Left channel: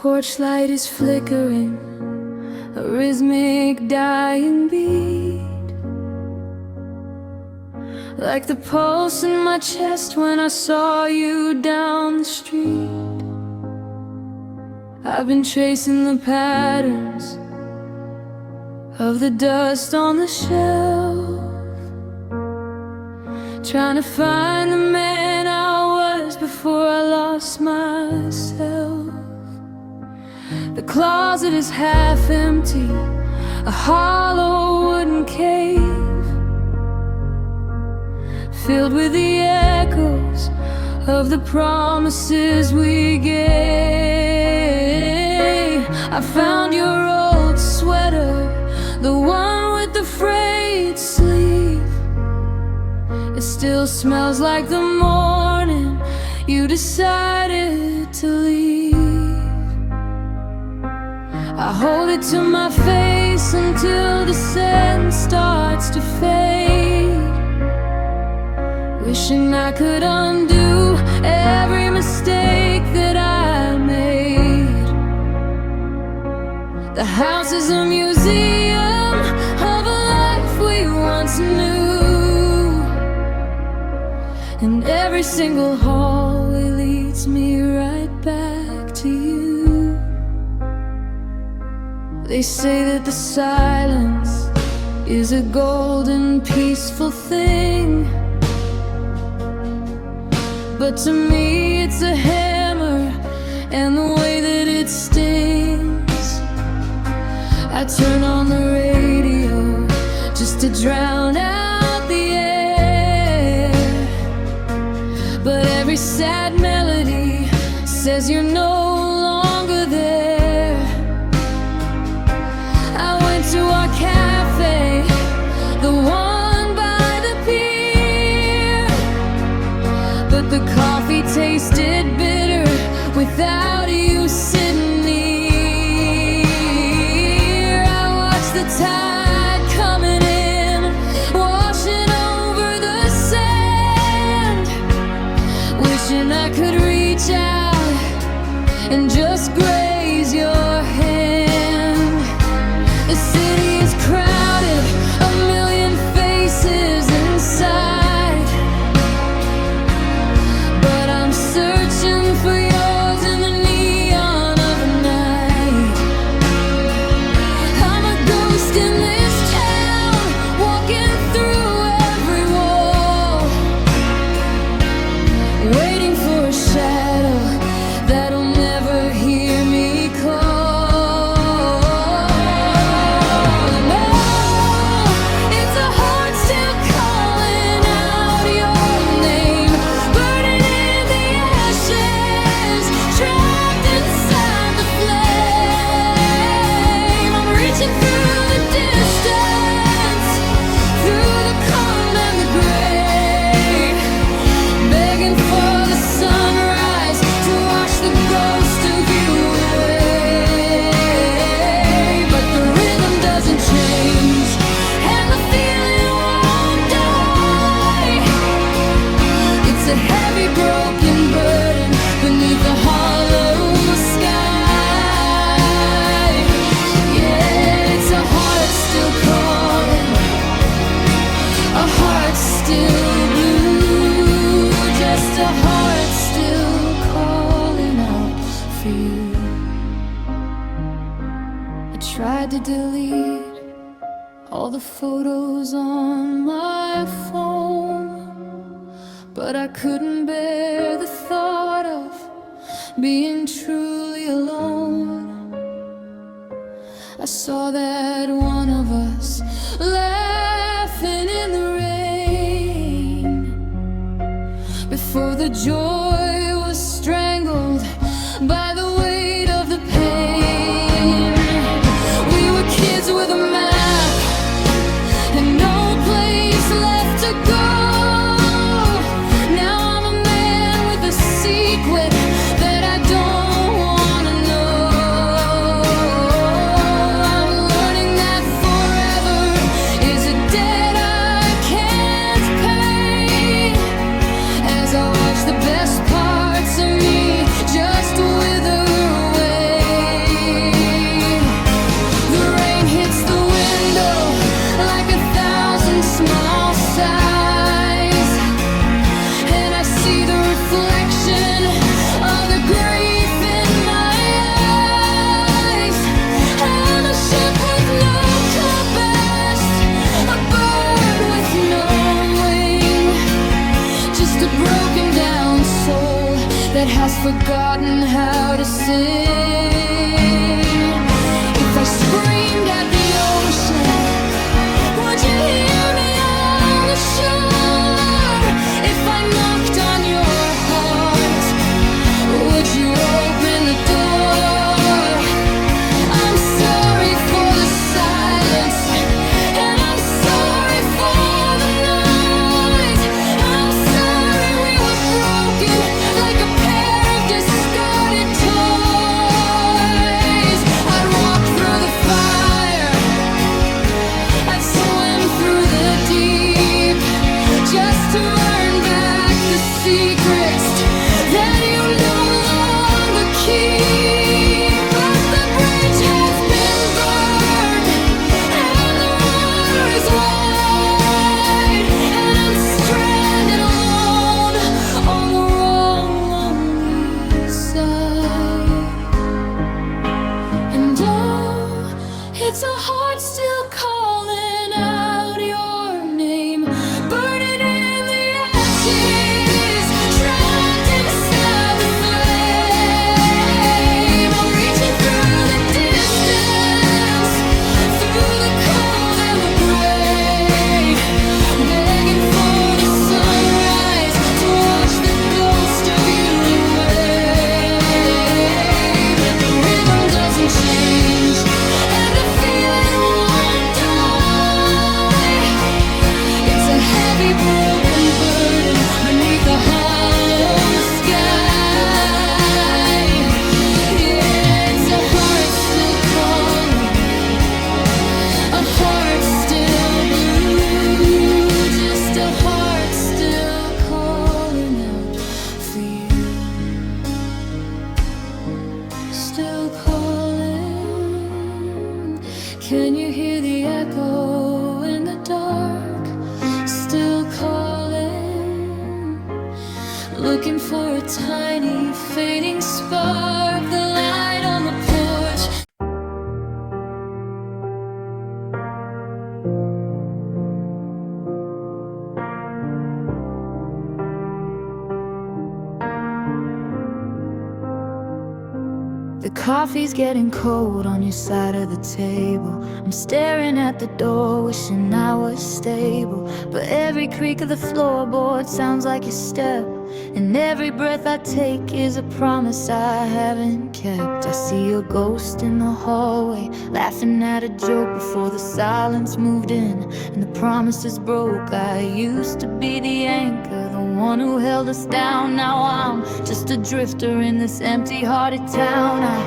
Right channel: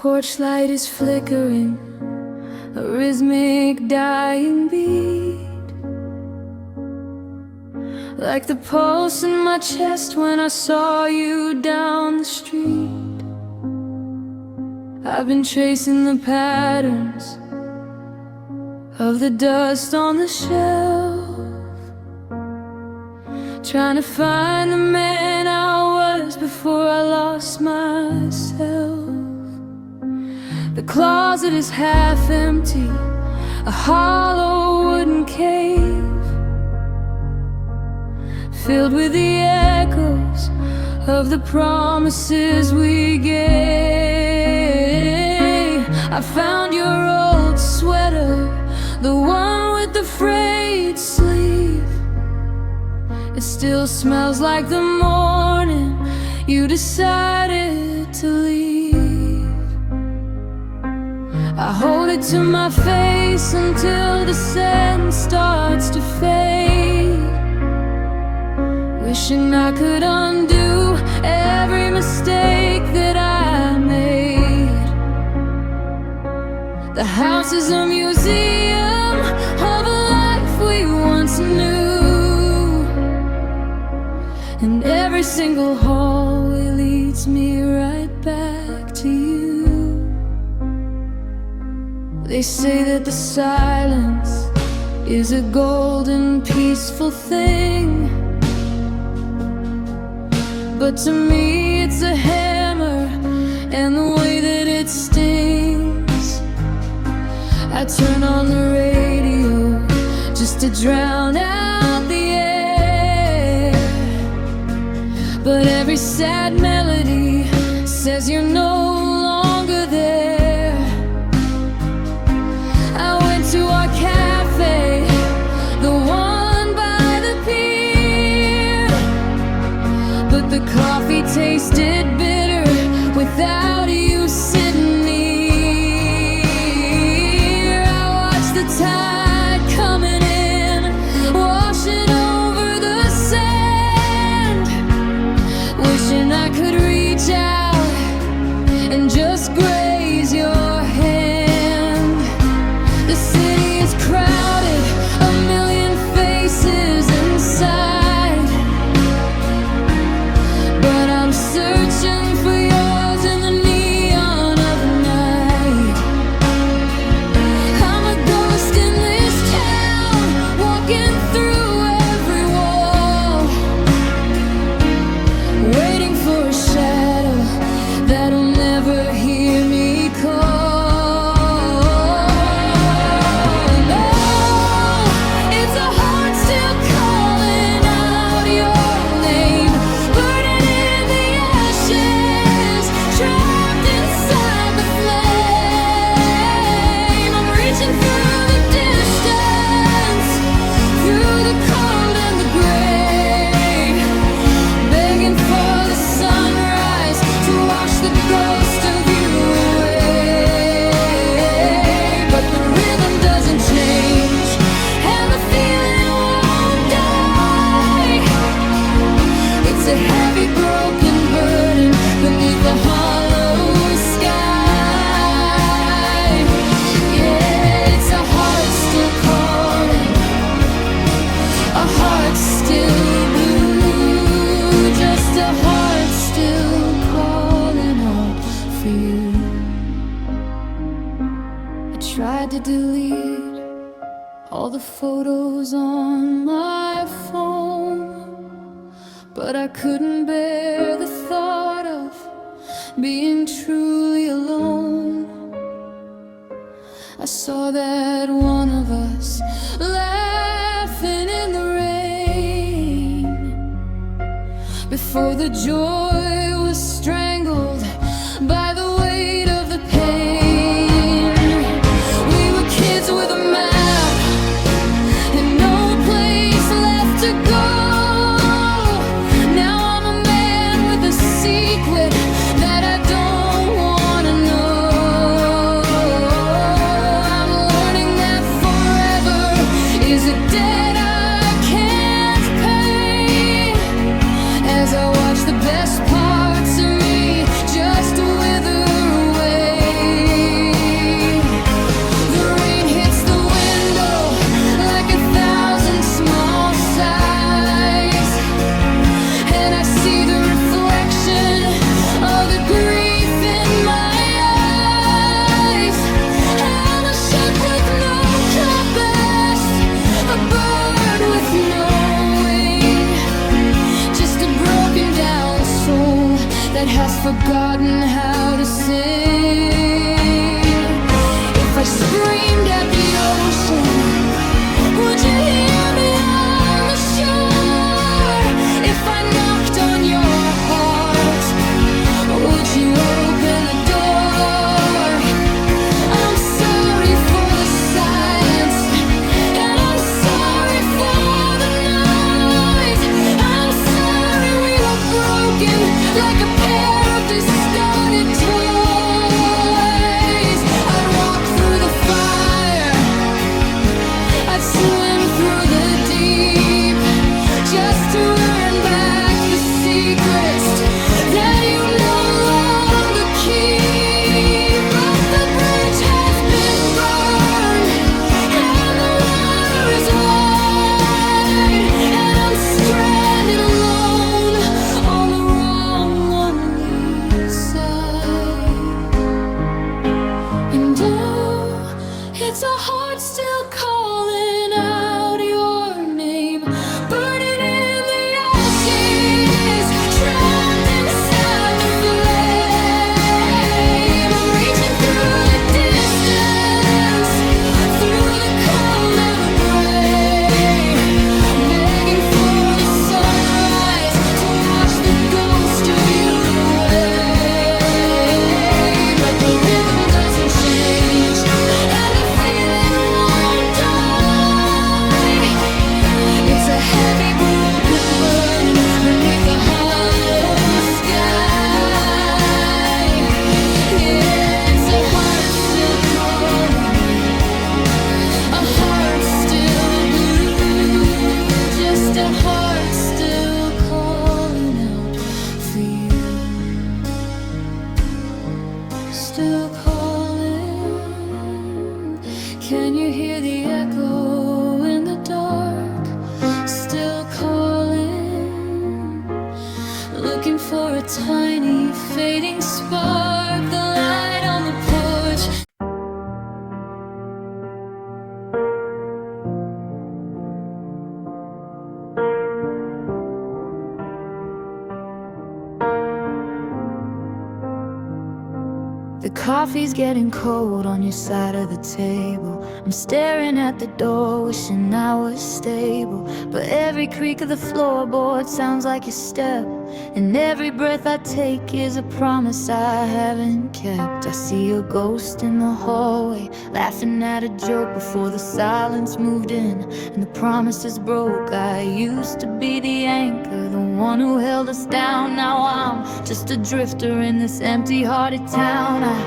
porch light is flickering, a rhythmic dying beat, like the pulse in my chest when I saw you down the street. I've been tracing the patterns of the dust on the shelf, trying to find the man I was before I lost myself. The closet is half empty, a hollow wooden cave, filled with the echoes of the promises we gave. I found your old sweater, the one with the frayed sleeve. It still smells like the morning you decided to leave. I hold it to my face until the scent starts to fade, wishing I could undo every mistake that I made. The house is a museum of a life we once knew, and every single hallway leads me right back to you. They say that the silence is a golden, peaceful thing, but to me it's a hammer, and the way that it stings. I turn on the radio just to drown out the air, but every sad melody says you're no longer there. I went to our cafe, the one by the pier, but the coffee tasted bitter without you sitting near. I watched the tide coming in, washing over the sand, wishing I could reach out and just graze your hand. The city is crowded, a million faces inside, but I'm searching for yours in the neon of the night. I'm a ghost in this town, walking through every wall, waiting for a shadow that'll never hear me call. The ghost of you away, but the rhythm doesn't change, and the feeling won't die. It's a heavy broken burden beneath the hollow sky. Yeah, it's a heart still calling, a heart still blue, just a heart still calling out for you. I tried to delete all the photos on my phone, but I couldn't bear the thought of being truly alone. I saw that one of us laughing in the rain before the joy was strangled by the weight of the pain. We were kids with a map and no place left to go. Now I'm a man with a secret that I don't wanna know. I'm learning that forever is a debt I can't pay, as I watch the best parts of me just wither that has forgotten how to sing. If I screamed at the ocean, would you hear me on the shore? If I knocked on your heart, would you open the door? I'm sorry for the silence, and I'm sorry for the noise. I'm sorry we were broken like a pair of discarded toys. I'd walk through the fire, I'd swim through the deep, just to earn back the secrets that you no longer keep. But the bridge has been burned, and the water is wide, and I'm stranded alone on the wrong lonely side. And oh, it's a heart still calling out your name, burning in the ashes, trapped inside the flame. I'm reaching through the distance, through the cold and the gray, begging for the sunrise to wash the ghost of you away. But the rhythm doesn't change, and the feeling won't die. It's a heavy broken burden beneath the hollow sky. Yeah, it's a heart still calling, a heart still blue, just a heart still calling out for you. Still calling. Can you hear the echo in the dark? Still calling, looking for a tiny fading spark, the light on the porch. The coffee's getting cold on your side of the table. I'm staring at the door, wishing I was stable. But every creak of the floorboard sounds like your step, and every breath I take is a promise I haven't kept. I see a ghost in the hallway, laughing at a joke before the silence moved in and the promises broke. I used to be the anchor, the one who held us down. Now I'm just a drifter in this empty-hearted town. I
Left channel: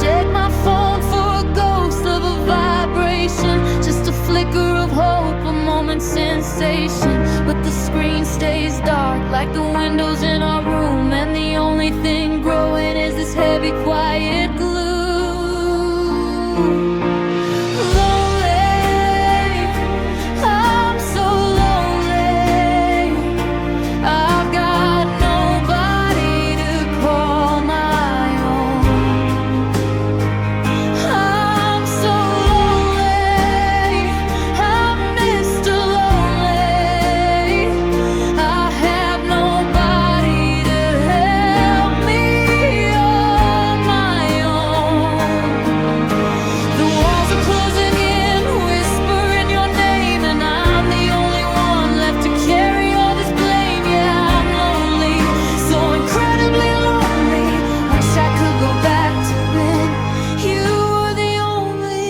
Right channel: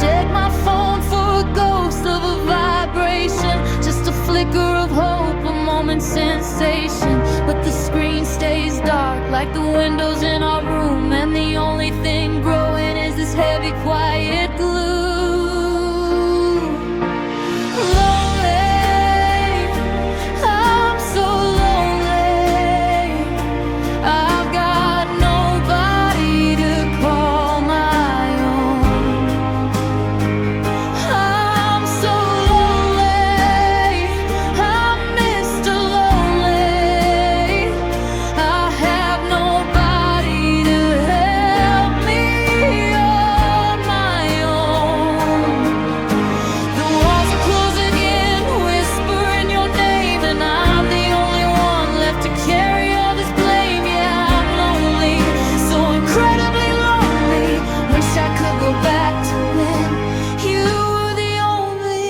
check my phone for a ghost of a vibration, just a flicker of hope, a moment's sensation. But the screen stays dark like the windows in our room, and the only thing growing is this heavy, quiet gloom. Lonely, I'm so lonely. I've got nobody to call my own. I'm so lonely, I'm Mr. Lonely. I have nobody to help me on my own. The walls are closing in, whispering your name, and I'm the only one left to carry all this blame. Yeah, I'm lonely, so incredibly lonely. Wish I could go back to when you were the only.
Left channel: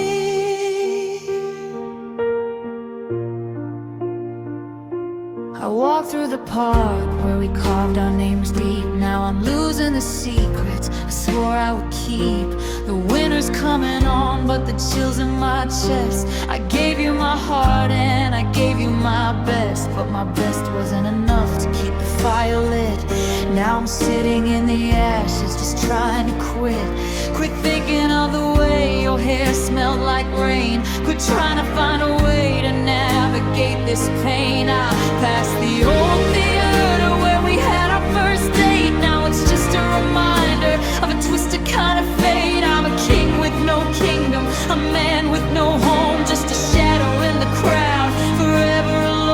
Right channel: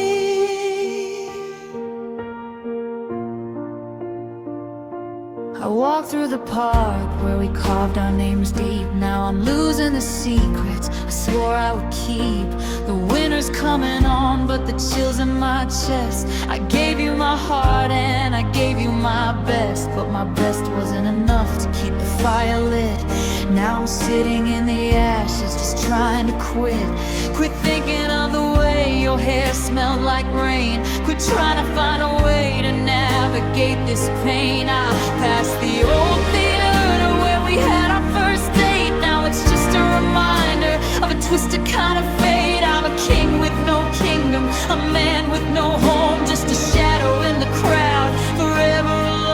I walked through the park where we carved our names deep. Now I'm losing the secrets I swore I would keep. The winter's coming on, but the chills in my chest. I gave you my heart and I gave you my best, but my best wasn't enough to keep the fire lit. Now I'm sitting in the ashes, just trying to quit. Quit thinking of the way your hair smelled like rain. Quit trying to find a way to navigate this pain. I passed the old theater where we had our first date. Now it's just a reminder of a twisted kind of fate. I'm a king with no kingdom, a man with no home, just a shadow in the crowd, forever alone.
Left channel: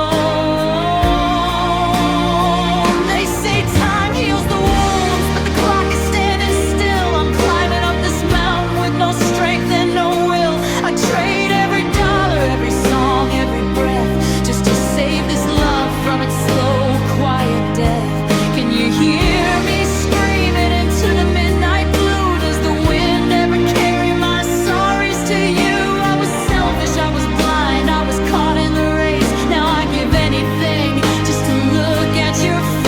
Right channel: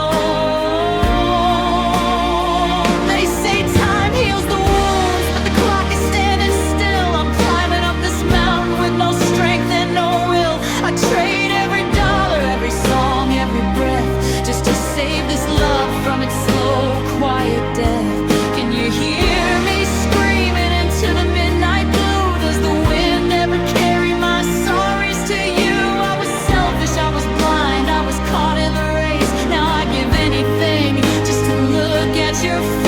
They say time heals the wounds, but the from its slow, quiet death. Can you hear me screaming into the midnight blue? Does the wind ever carry my sorries to you? I was selfish, I was blind, I was caught in the race. Now I give anything just to look at your face.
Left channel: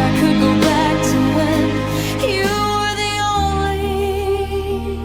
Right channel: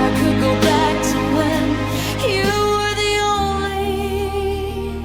I could go back to when you were the only.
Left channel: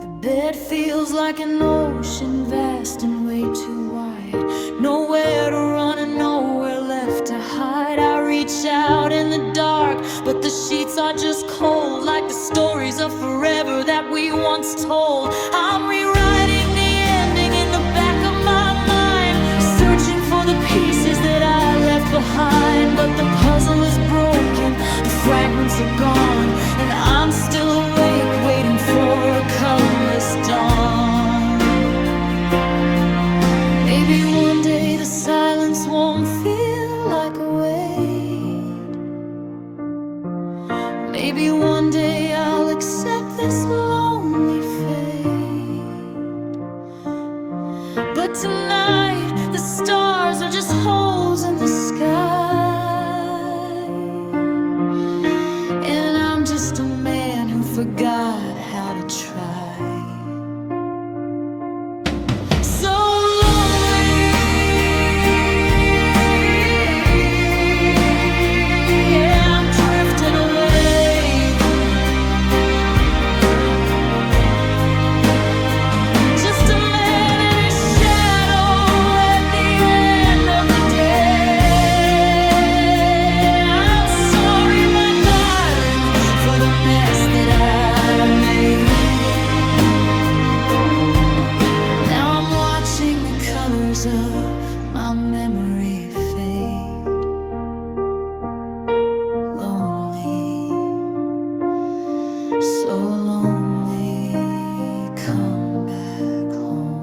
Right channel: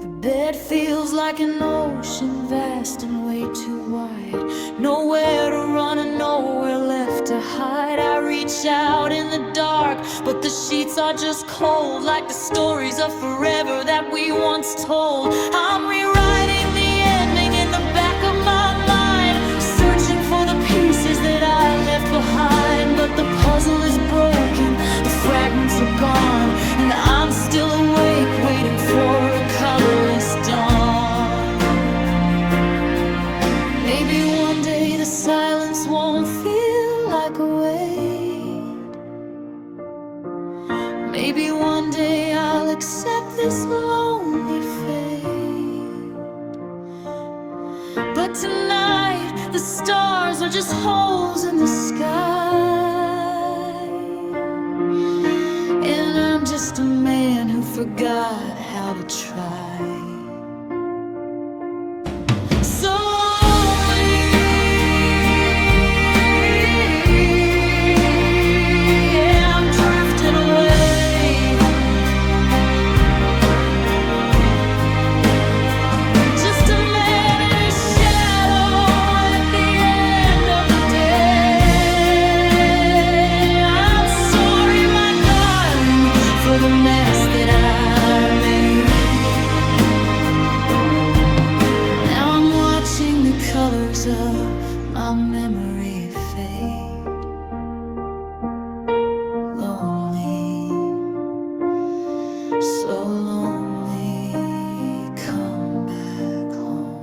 The bed feels like an ocean, vast and way too wide. Nowhere to run and nowhere left to hide. I reach out in the dark, but the sheets are just cold, like the stories of forever that we once told. I'm rewriting the ending in the back of my mind, searching for the pieces that I left behind. But the puzzle is broken, the fragments are gone, and I'm still awake, waiting for a colorless dawn. Maybe one day the silence won't feel like a weight. Maybe one day I'll accept this lonely fate. But tonight, the stars are just holes in the sky, and I'm just a man who forgot how to try. So lonely, yeah, I'm drifting away. Just a man that I made. Now I'm watching the colors of my memory fade. Lonely, so lonely, come back home.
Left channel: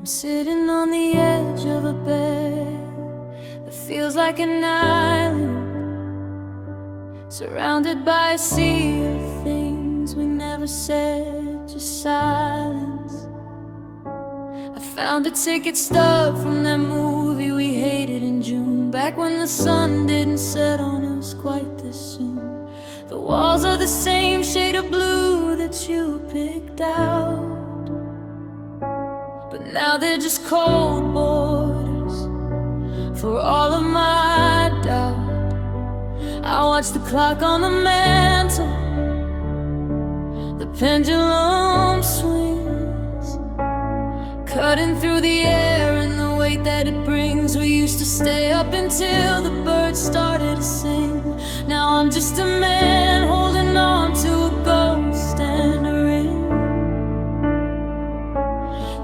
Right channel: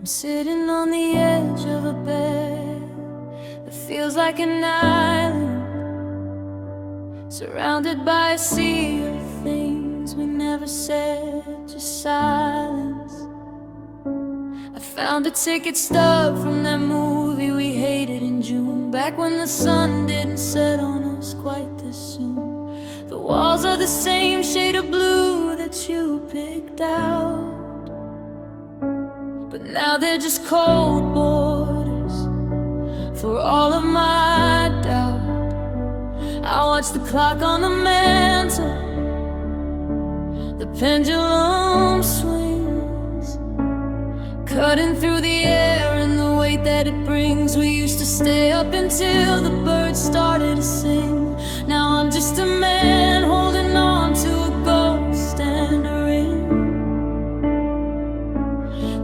I'm sitting on the edge of a bed that feels like an island, surrounded by a sea of things we never said, just silence. I found a ticket stub from that movie we hated in June, back when the sun didn't set on us quite this soon. The walls are the same shade of blue that you picked out, but now they're just cold borders for all of my doubt. I watch the clock on the mantle, the pendulum swings, cutting through the air and the weight that it brings. We used to stay up until the birds started to sing. Now I'm just a man holding on to a ghost and a ring.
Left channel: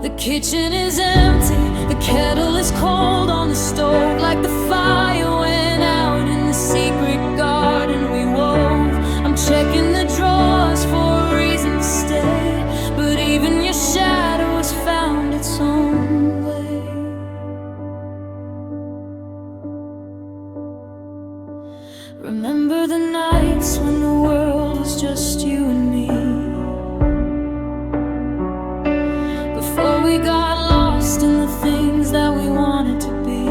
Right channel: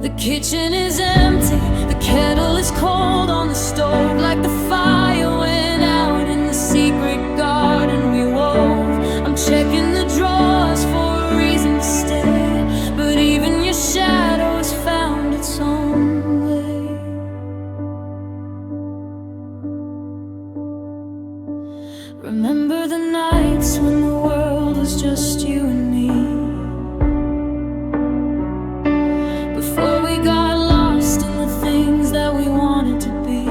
The kitchen is empty, the kettle is cold on the stove, like the fire went out in the secret garden we wove. I'm checking the drawers for a reason to stay, but even your shadow has found its own way. Remember the nights when the world was just you and me, before we got lost in the things that we wanted to be.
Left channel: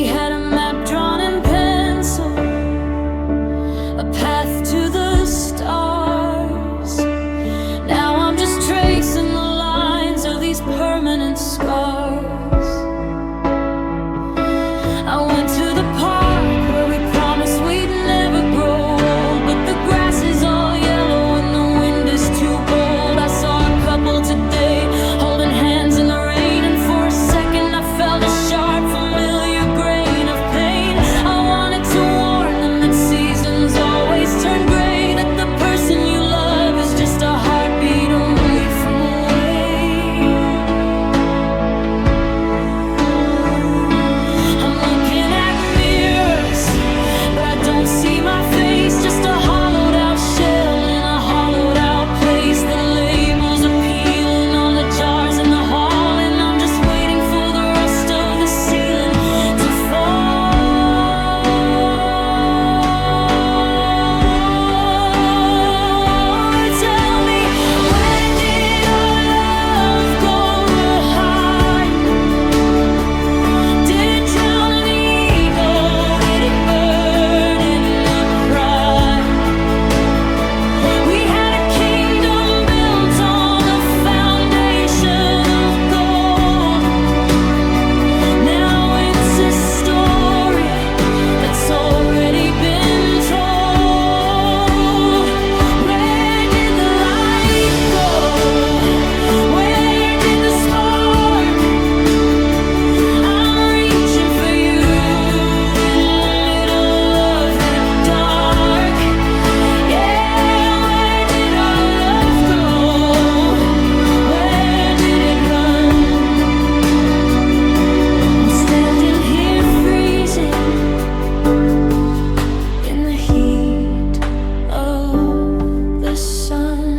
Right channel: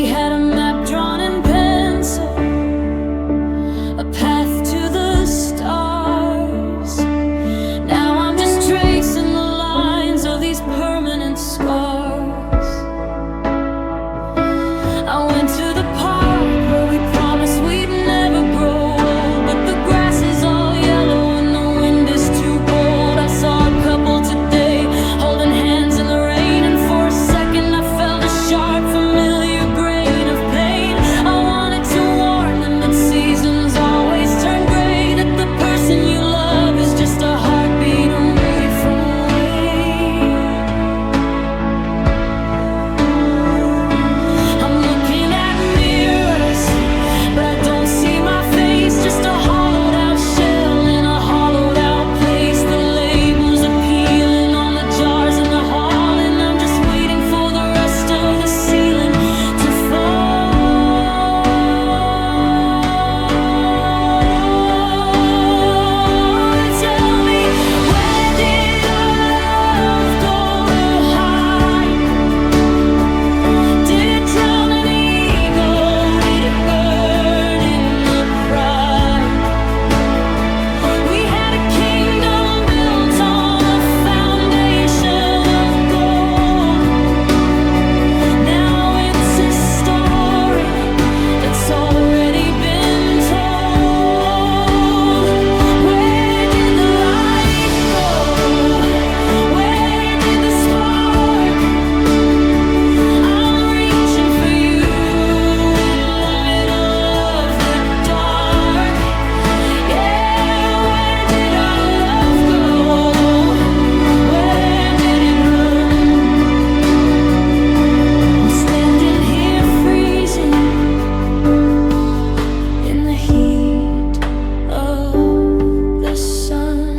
We had a map drawn in pencil, a path to the stars. Now I'm just tracing the lines of these permanent scars. I went to the park where we promised we'd never grow old, but the grass is all yellow and the wind is too bold. I saw a couple today holding hands in the rain, and for a second I felt a sharp, familiar grain of pain. I wanted to warn them that seasons always turn gray, that the person you love is just a heartbeat away from away. I'm looking at mirrors, but I don't see my face, just a hollowed out shell in a hollowed out place. The labels are peeling on the jars in the hall, and I'm just waiting for the rest of the ceiling to fall. Tell me, where did our love go to hide? Did it drown in the ego? Did it burn in the pride? We had a kingdom built on a foundation of gold. Now it's a story that's already been told. Where did the light go? Where did the spark? I'm reaching for you in the middle of the dark. Yeah, where did our love go? Where did it run? I'm standing here freezing in the heat of the sun.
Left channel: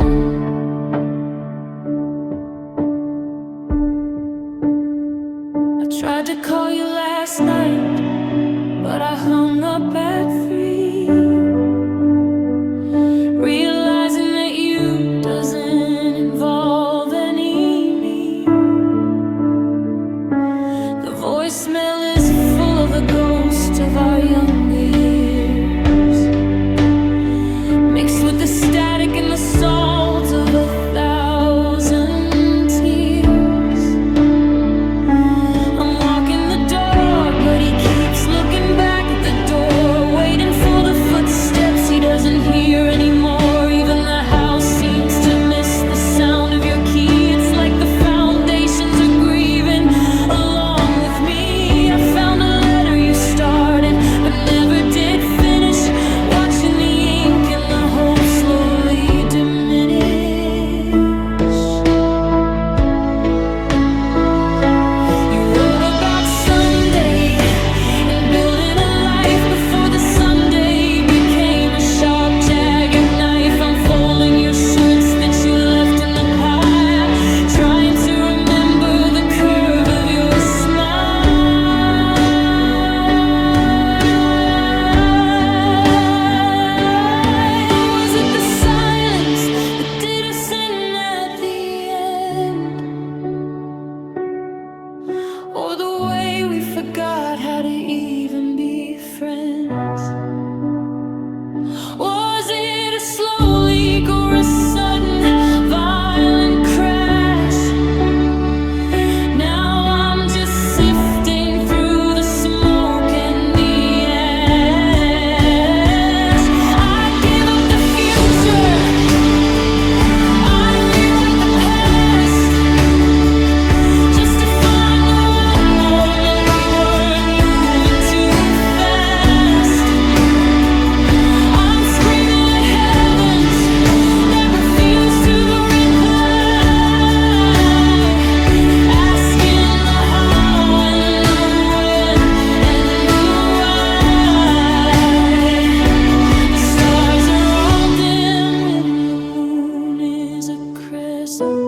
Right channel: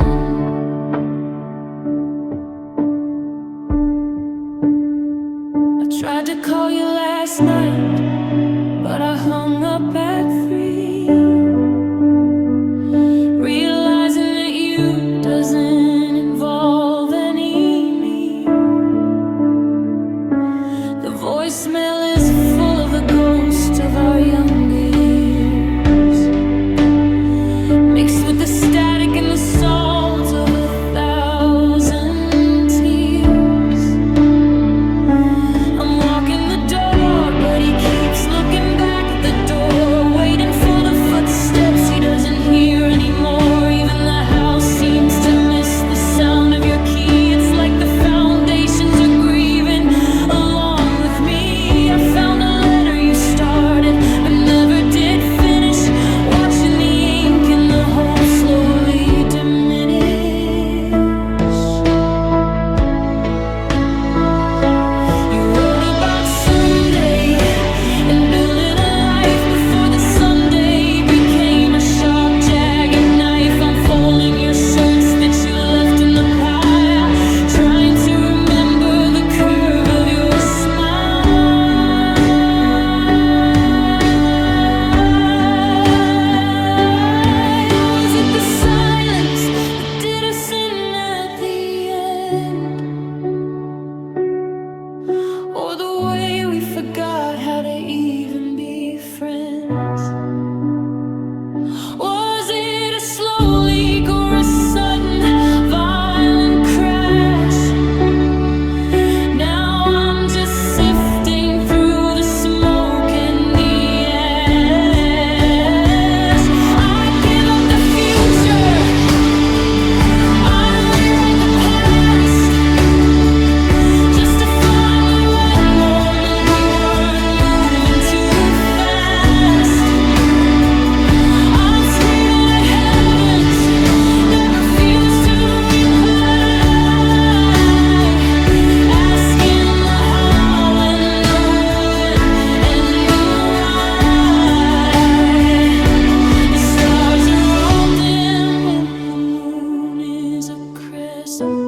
I tried to call you last night, but I hung up at 3, realizing that you doesn't involve any me. The voicemail is full of the ghost of our younger years, mixed with the static and the salt of 1,000 tears. I'm walking the dog, but he keeps looking back at the door, waiting for the footsteps he doesn't hear anymore. Even the house seems to miss the sound of your key. It's like the foundations are grieving along with me. I found a letter you started but never did finish, watching the ink and the hope slowly diminish. You wrote about someday and building a life before the someday became a sharp, jagged knife. I'm folding your shirts that you left in the pile, trying to remember the curve of your smile. Was it the silence that did us in at the end, or the way we forgot how to even be friends? Was it a slow leak or a sudden violent crash? Now I'm just sifting through the smoke and the ash. I'd give up the future, I'd rewrite the past, just to find the one moment we weren't moving too fast. I'm screaming at heavens that refuse to reply, asking the how and the when and the why. The stars are all dim and the moon is a crescent.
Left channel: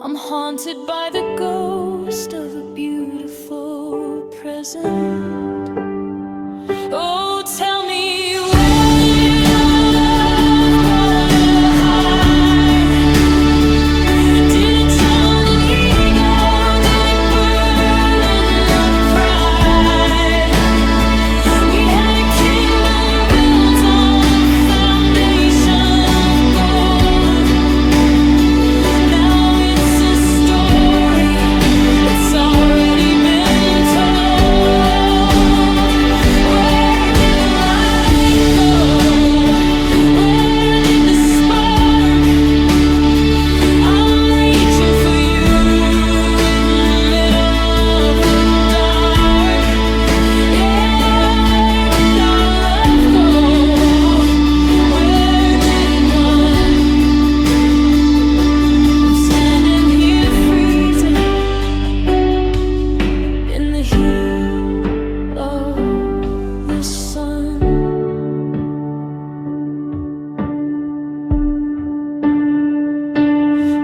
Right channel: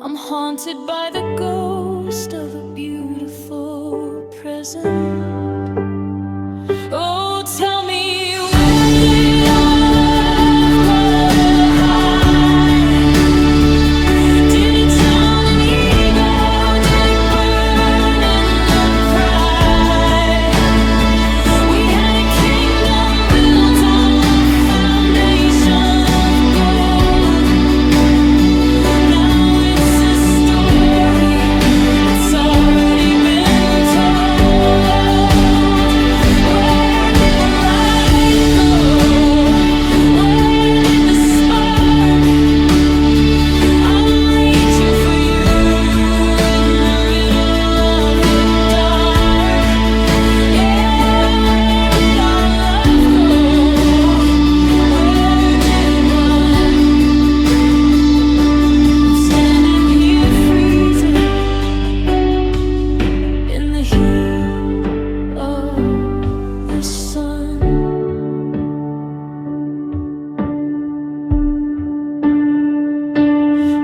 I'm haunted by the ghost of a beautiful present. Oh, tell me, where did our love go to hide? Did it drown in ego? Did it burn in the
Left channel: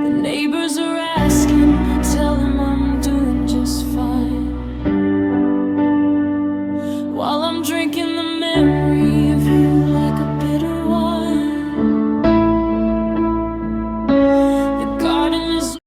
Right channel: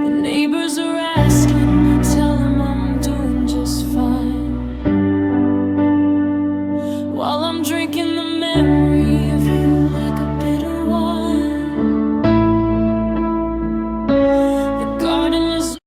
The neighbors are asking, I tell them I'm doing just fine, while I'm drinking the memory of you like a bitter wine. The garden is